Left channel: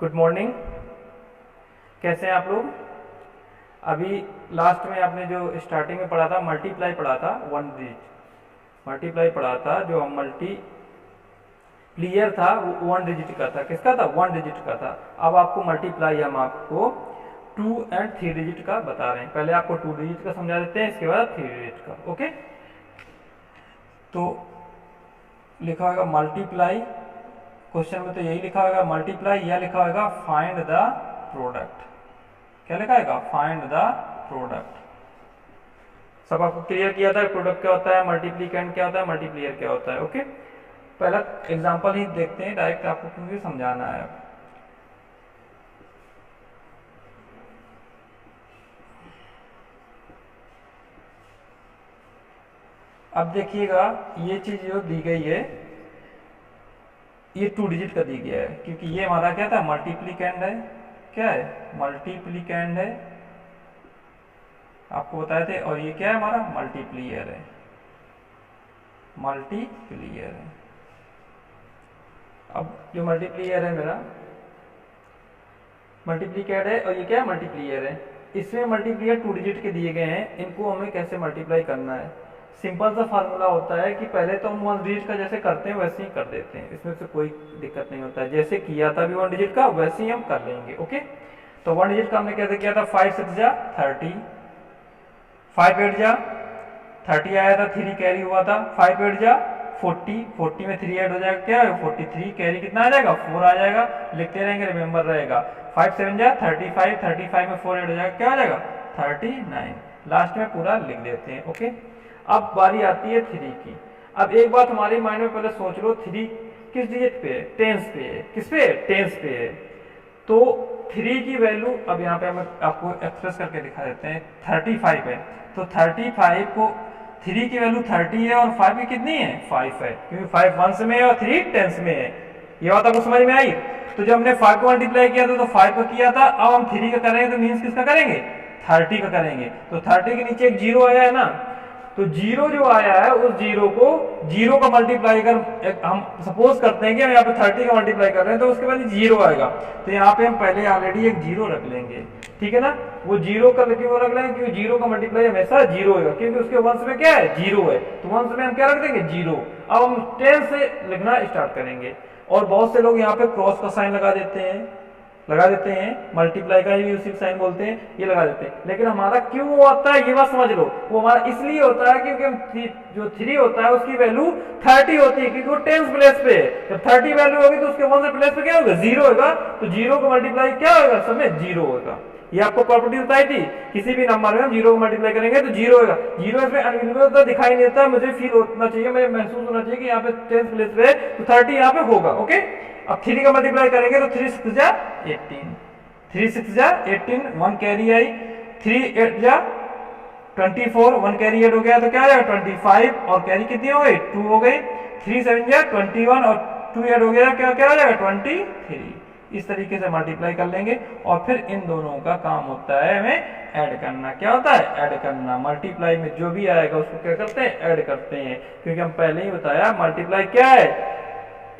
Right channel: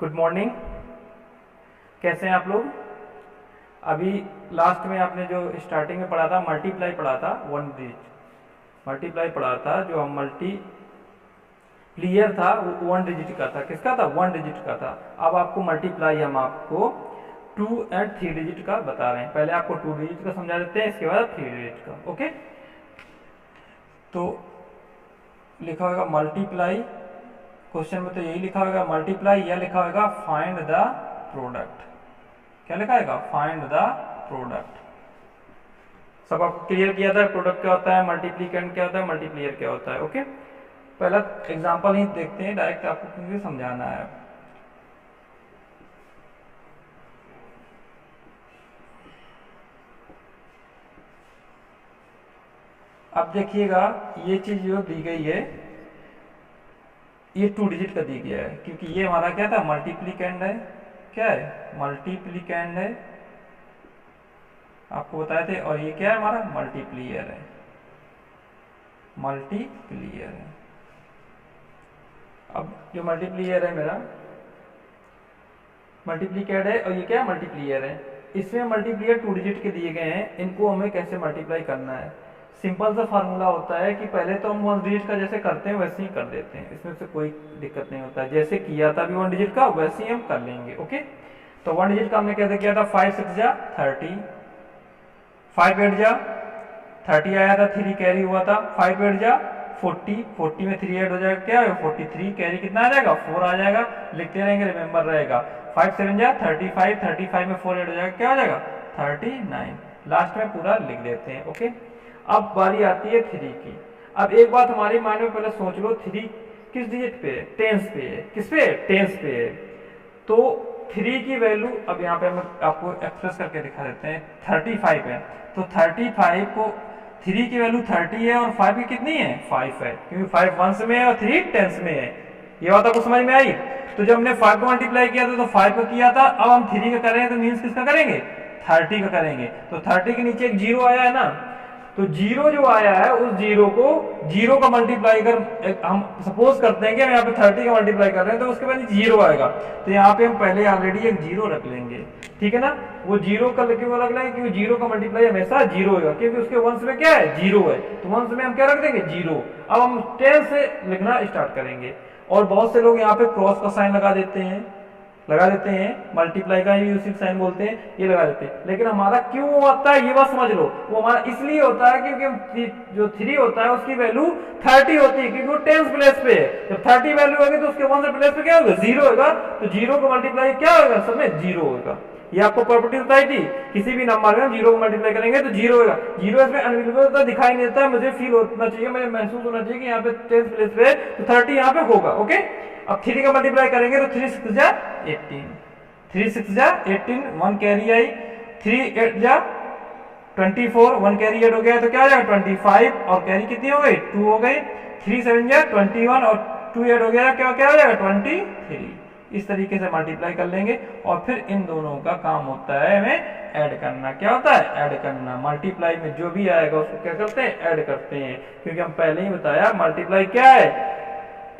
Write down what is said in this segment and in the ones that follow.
Good morning. कैसे हैं आप लोग? अभी लास्ट में आपने जो स्टार्टिंग में पढ़ा था मल्टीप्लाई पढ़ा था, वन डिजिट मल्टीप्लाई पढ़ा था। जो हम मल्टीप्लियर था वो वन डिजिट का था। किसका था? वन डिजिट का था। अब आपको मल्टीप्लाई हम आपको 2 एंड 3 डिजिट का बता रहे हैं। पहले आपको 2 डिजिट का समझा देते हैं, इसके बाद 3 डिजिट का। ओके, तो लिखा होगा मल्टीप्लाई। क्वेश्चन में तो यही लिखा होगा मल्टीप्लाई, या लिखा होगा फाइंड द प्रोडक्ट। क्या लिखा होगा? Find the product. सब आपको क्लियर किया था प्रोडक्ट क्या होता है, मल्टीप्लिकेंट क्या होता है, मल्टीप्लियर क्या होता है। ओके, पहला एग्जांपल ही देखते हैं, डायरेक्ट आपको क्योंकि समझाना है। अब देखिएगा, ये चीज जो दी गई है ये 2 डिजिट का दी गया है, क्योंकि ये हमारा क्या था? मल्टीप्लिकेंड है। क्या है? मल्टीप्लिकेंड है, आपको बताए थे। और ये क्या है? हमारा मल्टीप्लियर है। मल्टीप्लियर है। अब जो मल्टीप्लियर है मेरा मल्टीप्लिकेंड है, और ये क्या है? मल्टीप्लियर है। इसमें मल्टीप्लियर 2 डिजिट के दिए गए हैं, इनको हमें कैसे मल्टीप्लाई करना है। सिंपल सा फार्मूला होता है कि पहले तो हम 1 डिजिट का जैसे करते हैं वैसे ही कर देते हैं, इसमें से कोई दिक्कत नहीं होता है। जैसे किया था अभी 1 डिजिट का वैसे ही हम कर लेंगे। ओके, तो 1 डिजिट का हमने कैसे किया था? 5 6 जा 30, 5 8 जा 30 आया था, 3 कैरी हुआ था। 5 8 जा 40, 40 में 3 ऐड हो जाएगा, क्या है? 43। कैरी कितना आ जाएगा? 4 आ जाएगा। लिखते रहेंगे, रिमेंबर रहेगा। 5 7 जा 35, 35 में 4 ऐड हो जाएगा, क्या हो जाएगा? 39। लास्ट में पूरा लिख देते हैं। ओके, अब बारी आती है 3 की। अब एक बात हमारे माइंड में पहले सोच लो, 3 किस डिजिट पे है? टेंस पे है। किस पे है? टेंस पे है। तो 3 की वैल्यू अब यहाँ पे हम आपको एक्सप्रेस करके दिखा देते हैं। 35 है, तो 35 को 3 की वैल्यू 30 है और 5 की कितनी है? 5 है, क्योंकि 5 वंस में है और 3 टेंस में है। ये बात आपको समझ में आई? तो जब हमने 5 को मल्टीप्लाई किया था तो 5 का किया था, अब हम 3 का करेंगे तो मीन्स किसका करेंगे? 30 का करेंगे। तो 30 के नीचे एक जीरो आया है ना, तो जीरो जो आया है उस जीरो को जीरो का मल्टीप्लाई कर, हम सपोज करते हैं कि हम यहाँ पे 30 का मल्टीप्लाई कर रहे हैं तो उसके बाद जीरो आएगा। तो यहाँ पे हम पहले ऑलरेडी एक जीरो रख लेंगे, ठीक है ना। वो जीरो का क्यों रख लेंगे? क्योंकि जीरो का मल्टीप्लाई हमेशा जीरो होगा, क्योंकि उसके वंश में क्या है? जीरो है। तो वंश में हम क्या रख देंगे? जीरो। अब हम 10 से लिखना स्टार्ट करेंगे, और बहुत से लोग यहाँ पे क्रॉस का साइन लगा देते हैं, मल्टीप्लाई का ही उसी साइन बोलते हैं, ये लगा देते हैं। लेकिन हमारा क्यों आता है ये बात समझ लो। वो हमारा इसलिए होता है क्योंकि हम जो 3 होता है उसकी वैल्यू 30 होती है, क्योंकि वो टेंस प्लेस पे है। जब 30 वैल्यू होगी तो उसके वन से प्लेस पे क्या होगा? जीरो होगा। तो जीरो का मल्टीप्लाई क्या होगा? सब में जीरो होगा। ये आपको प्रॉपर्टी बताई थी, किसी भी नंबर में हम जीरो को मल्टीप्लाई करेंगे तो जीरो होगा। जीरो इसमें अनविजिबल दिखाई नहीं देता, मुझे फील होना चाहिए, मुझे महसूस होना चाहिए कि यहाँ पे टेंस प्लेस पे तो 30 यहाँ पे होगा। ओके, अब 3 का मल्टीप्लाई करेंगे तो 3 6 जा 18, 3 6 जा 18, 1 कैरी आई। 3 8 जा 24, 1 कैरी ऐड हो गया तो क्या हो जाएगा? 25, और कैरी कितनी हो गई? 2 हो गई। 3 7 जा 21, और 2 ऐड हो गया तो क्या हो जाएगा? 23। इस तरीके से मल्टीप्लाई कर लेंगे, और फिर इन दोनों का काम होता है हमें ऐड करना। क्या होता है? ऐड करना। मल्टीप्लाई में जो भी आएगा उसको क्या करते हैं? ऐड करते हैं, क्योंकि हम पहले ही बताया मल्टीप्लाई क्या है?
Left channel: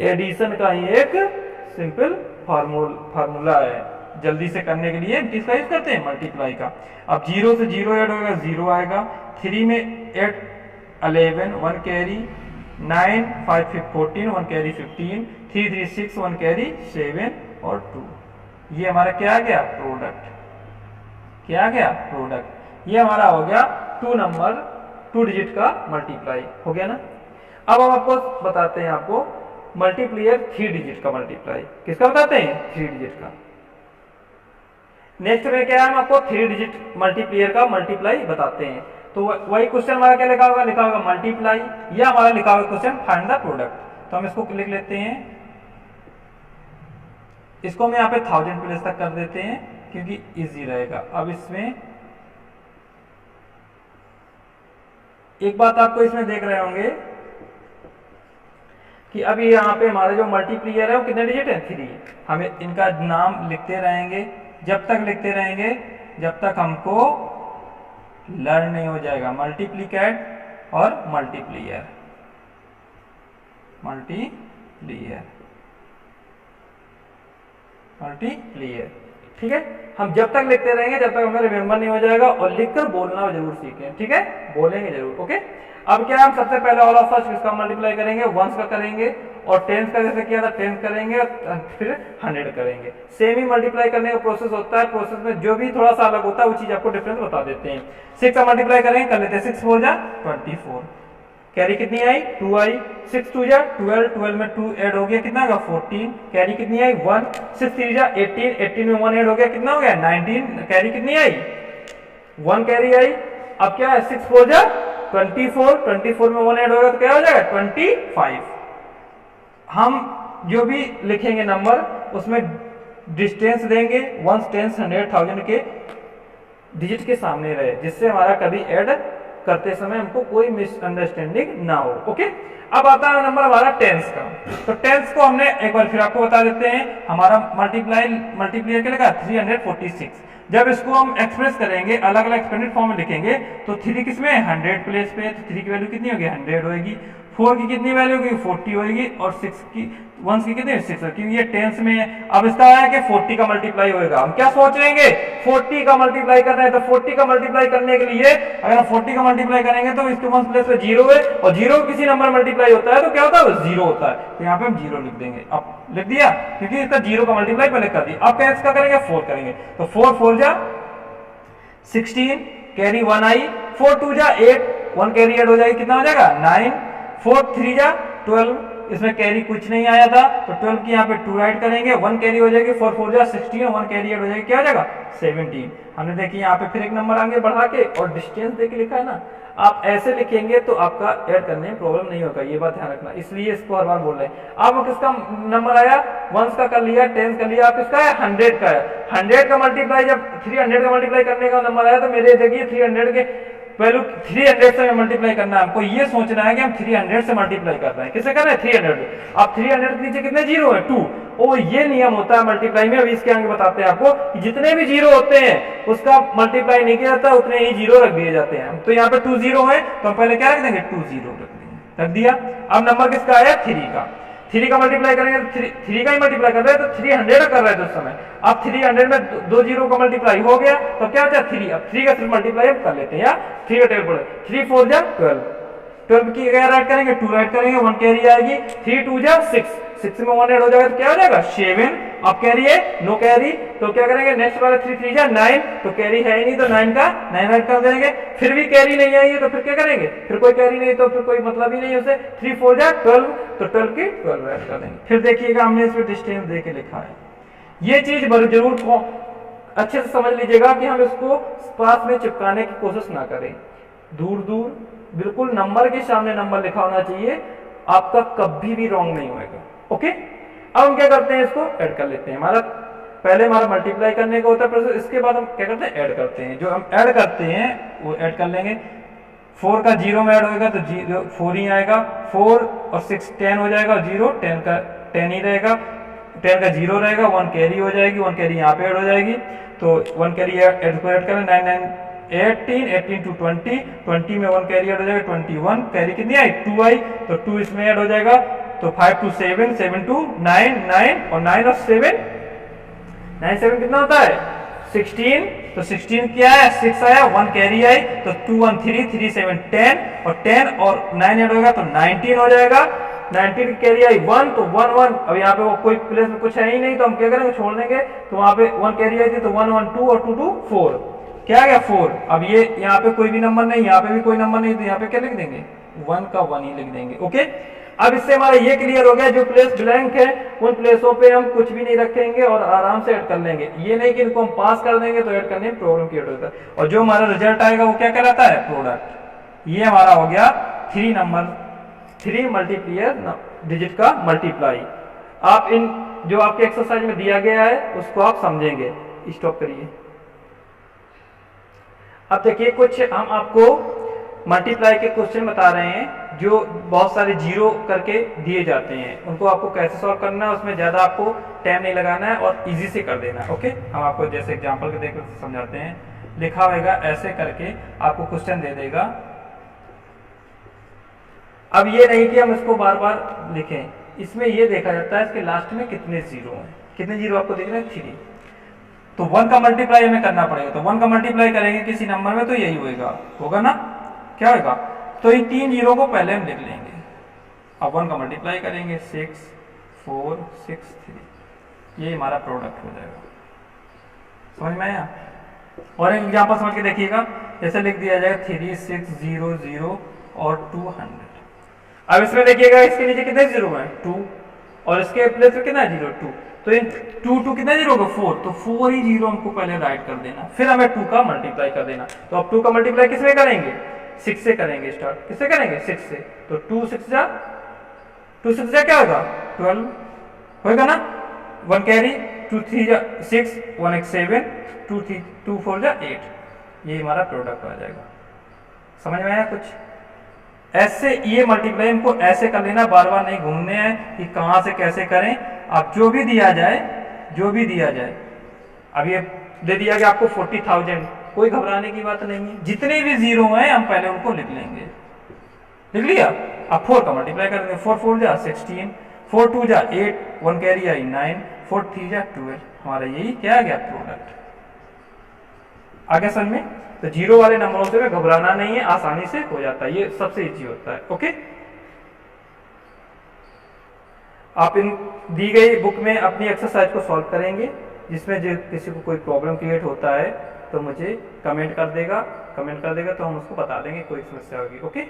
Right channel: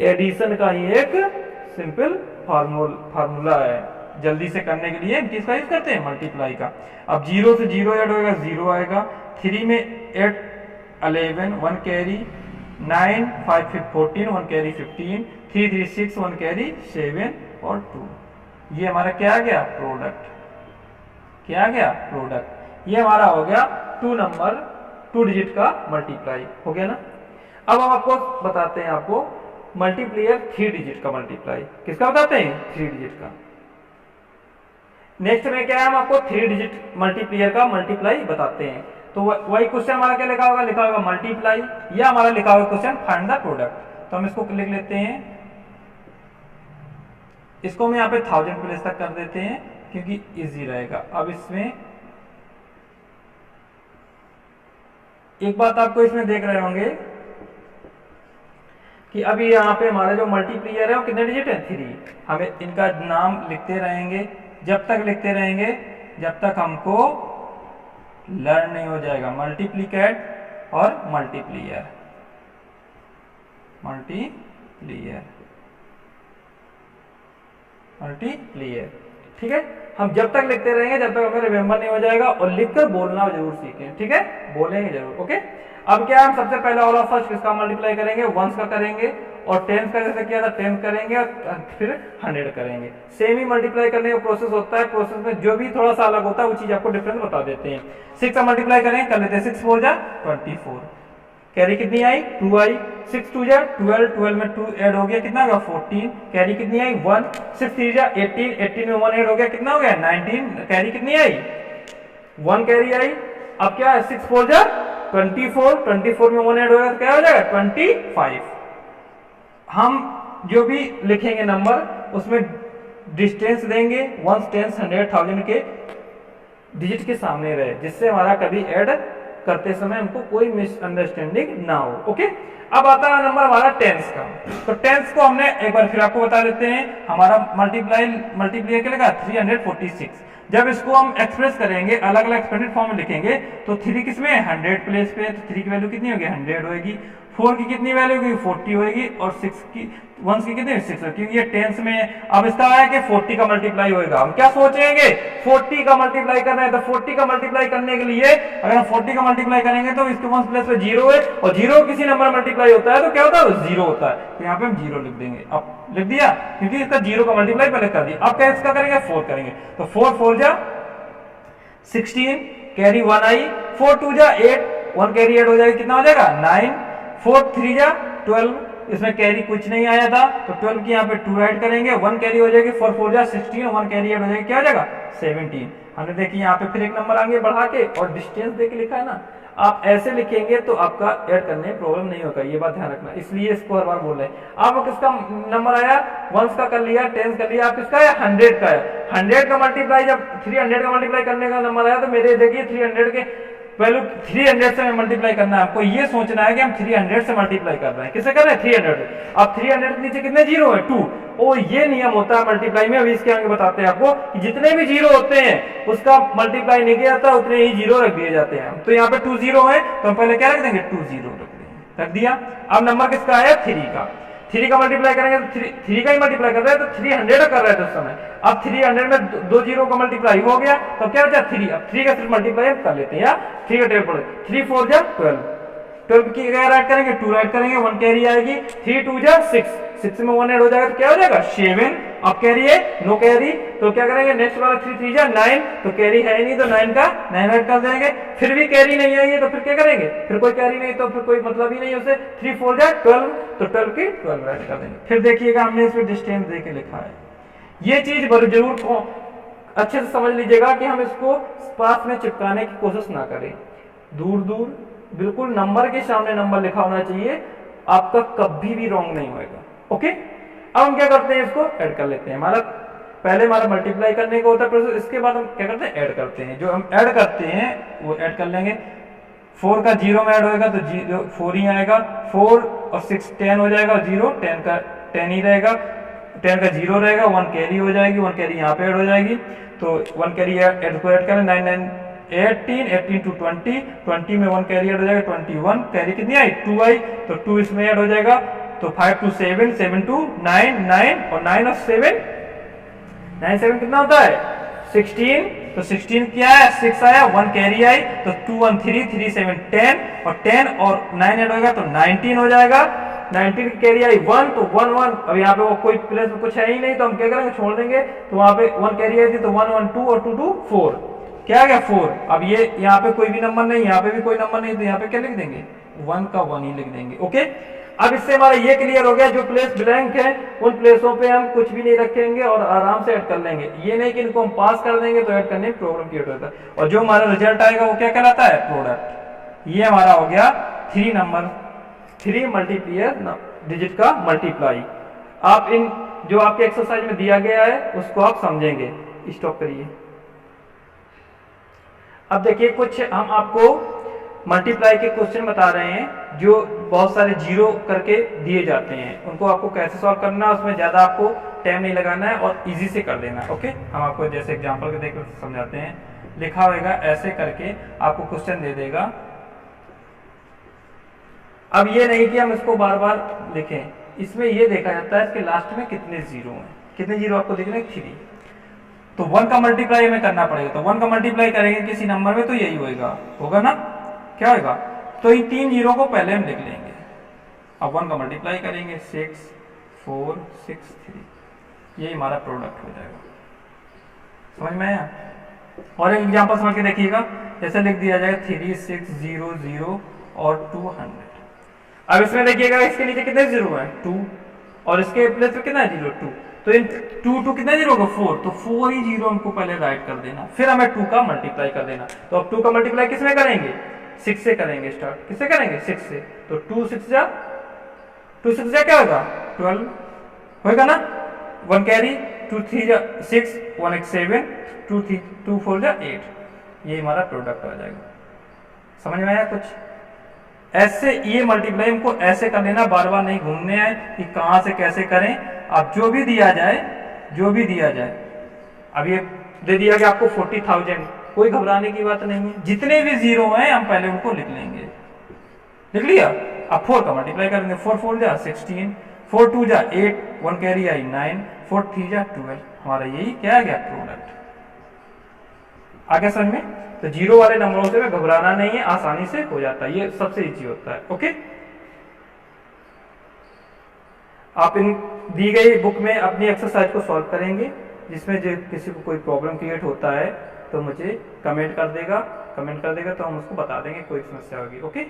एडिशन का ही एक सिंपल फार्मूला है। जल्दी से करने के लिए किसका यूज करते हैं? मल्टीप्लाई का। अब जीरो से जीरो ऐड होगा, जीरो आएगा। 3 में 8 11, 1 कैरी। 9 5 14, 1 कैरी 15। 3 3 6, 1 कैरी 7 और 2। ये हमारा क्या आ गया? प्रोडक्ट। क्या आ गया? प्रोडक्ट। ये हमारा हो गया 2 डिजिट का मल्टीप्लाई हो गया ना। अब हम आपको बताते हैं, आपको मल्टीप्लियर 3 डिजिट का मल्टीप्लाई। किसका बताते हैं? 3 डिजिट का। नेक्स्ट में क्या है? हम आपको 3 डिजिट मल्टीप्लियर का मल्टीप्लाई बताते हैं। तो वही क्वेश्चन हमारा क्या लिखा होगा? लिखा होगा मल्टीप्लाई, या हमारा लिखा होगा क्वेश्चन फाइंड द प्रोडक्ट। तो हम इसको लिख लेते हैं, इसको हम यहाँ पे 1000 प्लेस तक कर देते हैं क्योंकि इजी रहेगा। अब इसमें एक बात आपको इसमें देख रहे होंगे कि अभी यहाँ पे हमारे जो मल्टीप्लियर है वो कितने डिजिट है? 3। हमें इनका नाम लिखते रहेंगे, जब तक लिखते रहेंगे जब तक हमको लर्न नहीं हो जाएगा। मल्टीप्लिकेट और मल्टीप्लियर। मल्टीप्लियर। ठीक है, हम जब तक लिखते रहेंगे जब तक हमें रिमेंबर नहीं हो जाएगा, और लिखकर बोलना जरूर सीखें। ठीक है, बोलेंगे जरूर। ओके, अब क्या हम सबसे पहले ऑल ऑफ फर्स्ट किसका मल्टीप्लाई करेंगे, वंस का करेंगे, और टेंस का जैसे किया था टेंस करेंगे, और फिर 100 करेंगे। सेम ही मल्टीप्लाई करने का प्रोसेस होता है, प्रोसेस में जो भी थोड़ा सा अलग होता है वो चीज आपको डिफरेंस बता देते हैं। 6 का मल्टीप्लाई करेंगे, कर लेते हैं 6 4 जा 24, कैरी कितनी आई 2 आई, 6 2 जा 12, 12 में 2 ऐड हो गया कितना होगा 14, कैरी कितनी आई 1, 6 3 जा 18, 18 में 1 ऐड हो गया कितना हो गया 19, कैरी कितनी आई 1 कैरी आई। अब क्या है 6 4 जा 24, 24 में 1 ऐड होगा तो क्या हो जाएगा 25। हम जो भी लिखेंगे नंबर उसमें डिस्टेंस देंगे, वंस टेंस 100 1000 के डिजिट के सामने रहे, जिससे हमारा कभी ऐड करते समय हमको कोई मिसअंडरस्टैंडिंग ना हो। ओके, अब आता है नंबर हमारा टेंस का। तो टेंस को हमने एक बार फिर आपको बता देते हैं, हमारा मल्टीप्लियर क्या लगा 346। जब इसको हम एक्सप्रेस करेंगे अलग अलग एक्सपेंडेड फॉर्म में लिखेंगे तो 3 किसमें 100 प्लेस पे, तो 3 की वैल्यू कितनी होगी 100 होगी, 4 की कितनी वैल्यू होगी 40 होगी, और 6 की वंस की कितनी 6 होगी, क्योंकि ये टेंस में है। अब इसका है कि 40 का मल्टीप्लाई होगा, हम क्या सोचेंगे 40 का मल्टीप्लाई करना है, तो 40 का मल्टीप्लाई करने के लिए अगर हम 40 का मल्टीप्लाई करेंगे तो इसके वंस प्लेस पे 0 है, और 0 किसी नंबर मल्टीप्लाई होता है तो क्या होता है 0 होता है, तो यहाँ पे हम 0 लिख देंगे। अब लिख दिया क्योंकि इसका 0 का मल्टीप्लाई पहले कर दिया। अब क्या इसका करेंगे 4 करेंगे, तो 4 4 जा 16, कैरी 1 आई, 4 2 जा 8, 1 कैरी ऐड हो जाएगा कितना हो जाएगा 9, 4 3 जा 12, इसमें कैरी कुछ नहीं आया था तो 12 की यहाँ पे 2 राइट करेंगे, 1 कैरी हो जाएगी, 4 4 जा 16, 1 कैरी ऐड हो जाएगी क्या हो जाएगा 17। हमने देखिए यहाँ पे फिर एक नंबर आगे बढ़ा के और डिस्टेंस दे के लिखा है ना, आप ऐसे लिखेंगे तो आपका ऐड करने में प्रॉब्लम नहीं होगा, ये बात ध्यान रखना, इसलिए इसको हर बार बोल रहे हैं। अब किसका नंबर आया वंस का कर लिया, टेंस कर लिया, आप किसका है 100 का है। 100 का मल्टीप्लाई जब 300 का मल्टीप्लाई करने का नंबर आया तो मेरे देखिए 300 के वैल्यू 300 से मल्टीप्लाई करना है, हमको ये सोचना है कि हम 300 से मल्टीप्लाई कर रहे हैं, किससे कर रहे हैं 300। अब 300 के नीचे कितने जीरो है 2, ओ ये नियम होता है मल्टीप्लाई में, अभी इसके आगे बताते हैं आपको कि जितने भी जीरो होते हैं उसका मल्टीप्लाई नहीं किया जाता, उतने ही जीरो रख दिए जाते हैं। तो यहाँ पे 2 0 है तो हम पहले क्या रख देंगे 2 0 रख दिया। अब नंबर किसका आया 3 का, 3 का मल्टीप्लाई करेंगे तो 3 का ही मल्टीप्लाई कर रहे हैं तो 300 कर रहे थे उस समय। अब 300 में 2 जीरो का मल्टीप्लाई हो गया तो क्या बचा 3, अब 3 का सिर्फ मल्टीप्लाई हम कर लेते हैं, या 3 का टेबल पढ़े 3 4 जा 12, 12 की क्या राइट करेंगे 2 राइट करेंगे, 1 कैरी आएगी, 3 2 जा 6, 6 में 1 ऐड हो जाएगा तो क्या हो जाएगा 7। अब कैरी है नो कैरी तो क्या करेंगे नेक्स्ट वाला 3 3 जा 9, तो कैरी है ही नहीं तो 9 का 9 ऐड कर देंगे, फिर भी कैरी नहीं आई है तो फिर क्या करेंगे, फिर कोई कैरी नहीं तो फिर कोई मतलब ही नहीं है उसे, 3 4 जा 12 तो 12 की 12 ऐड कर देंगे। फिर देखिएगा हमने इस पर डिस्टेंस दे के लिखा है, ये चीज जरूर अच्छे से समझ लीजिएगा कि हम इसको पास में चिपकाने की कोशिश ना करें, दूर दूर बिल्कुल नंबर के सामने नंबर लिखा होना चाहिए, आपका कभी भी रॉन्ग नहीं होएगा। ओके, अब हम क्या करते हैं इसको ऐड कर लेते हैं। हमारा पहले हमारा मल्टीप्लाई करने का होता है प्रोसेस, इसके बाद हम क्या करते हैं ऐड करते हैं। जो हम ऐड करते हैं वो ऐड कर लेंगे, 4 का 0 में ऐड होएगा तो 4 ही आएगा, 4 और 6 10 हो जाएगा, 0 10 का 10 ही रहेगा, 10 का 0 रहेगा, 1 कैरी हो जाएगी, 1 कैरी यहाँ पे ऐड हो जाएगी तो 1 कैरी ऐड करें 9 9 18 18 टू 20, 20 में 1 कैरी ऐड हो जाएगा 21, कैरी कितनी आई 2 आई तो 2 इसमें ऐड हो जाएगा तो 5 टू 7 7 टू 9 9 और 9 और 7 9 7 कितना होता है 16, तो 16 क्या है 6 आया, 1 कैरी आई तो 2 1 3 3 7 10 और 10 और 9 ऐड होगा तो 19 हो जाएगा, 19 की कैरी आई 1 तो 1 1, अब यहाँ पे वो कोई प्लेस में कुछ है ही नहीं तो हम क्या करेंगे छोड़ देंगे, तो वहां पे 1 कैरी आई थी तो 1 1 2 और 2 2 4, क्या आ गया 4। अब ये यहाँ पे कोई भी नंबर नहीं, यहाँ पे भी कोई नंबर नहीं, तो यहाँ पे क्या लिख देंगे 1 का 1 ही लिख देंगे। ओके, अब इससे हमारा ये क्लियर हो गया, जो प्लेस ब्लैंक है उन प्लेसों पे हम कुछ भी नहीं रखेंगे और आराम से ऐड कर लेंगे, ये नहीं कि इनको हम पास कर देंगे तो ऐड करने में प्रॉब्लम क्रिएट होता है, और जो हमारा रिजल्ट आएगा वो क्या कहलाता है प्रोडक्ट। ये हमारा हो गया 3 मल्टीप्लियर डिजिट का मल्टीप्लाई। आप इन जो आपके एक्सरसाइज में दिया गया है उसको आप समझेंगे। स्टॉप करिए। अब देखिए कुछ हम आपको मल्टीप्लाई के क्वेश्चन बता रहे हैं जो बहुत सारे जीरो करके दिए जाते हैं, उनको आपको कैसे सॉल्व करना है, उसमें ज़्यादा आपको टाइम नहीं लगाना है और इजी से कर देना है। ओके, हम आपको जैसे एग्जांपल के देकर समझाते हैं। लिखा होगा ऐसे करके आपको क्वेश्चन दे देगा। अब ये नहीं कि हम इसको बार बार लिखें, इसमें ये देखा जाता है इसके लास्ट में कितने जीरो हैं। कितने जीरो आपको दिख रहे हैं? 3। तो 1 का मल्टीप्लाई हमें करना पड़ेगा, तो 1 का मल्टीप्लाई करेंगे किसी नंबर में तो यही होगा ना, क्या होगा? तो इन 3 जीरो को पहले हम लिख लेंगे। अब 1 का मल्टीप्लाई करेंगे 6 4 6 3, ये हमारा प्रोडक्ट हो जाएगा। समझ में आया? और एक एग्जांपल समझ के देखिएगा, जैसे लिख दिया जाएगा 3600 और 200। अब इसमें देखिएगा इसके नीचे कितने जीरो हैं? 2, और इसके प्लेस पे कितना है? 0 2। तो इन 2 कितना जीरो होगा? 4। तो 4 ही जीरो हमको पहले राइट कर देना, फिर हमें 2 का मल्टीप्लाई कर देना। तो अब 2 का मल्टीप्लाई किस में करेंगे? 6 से करेंगे स्टार्ट। किससे करेंगे? 6 से। तो 2 6 जा क्या होगा? 12 होगा ना। 1 कैरी, 2 3 जा 6, 1 1 7, 2 3 2 4 जा 8, ये हमारा प्रोडक्ट आ जाएगा। समझ में आया कुछ? ऐसे ये मल्टीप्लाई हमको ऐसे कर लेना, बार बार नहीं घूमने आए कि कहाँ से कैसे करें। अब जो भी दिया जाए, अब ये दे दिया कि आपको 40,000, कोई घबराने की बात नहीं है। जितने भी जीरो हैं हम पहले उनको लिख लेंगे। लिख लिया। अब 4 का मल्टीप्लाई करेंगे, 4 4 जा 16, 4 2 जा 8, 1 कैरी आई 9, 4 3 जा 12। हमारा यही क्या आ गया? प्रोडक्ट आ गया समझ में? तो जीरो वाले नंबरों से में घबराना नहीं है, आसानी से हो जाता है, ये सबसे इजी होता है। ओके, आप इन दी गई बुक में अपनी एक्सरसाइज को सॉल्व करेंगे। जिसमें जो किसी को कोई प्रॉब्लम क्रिएट होता है तो मुझे कमेंट कर देगा तो हम उसको बता देंगे, कोई समस्या होगी। ओके।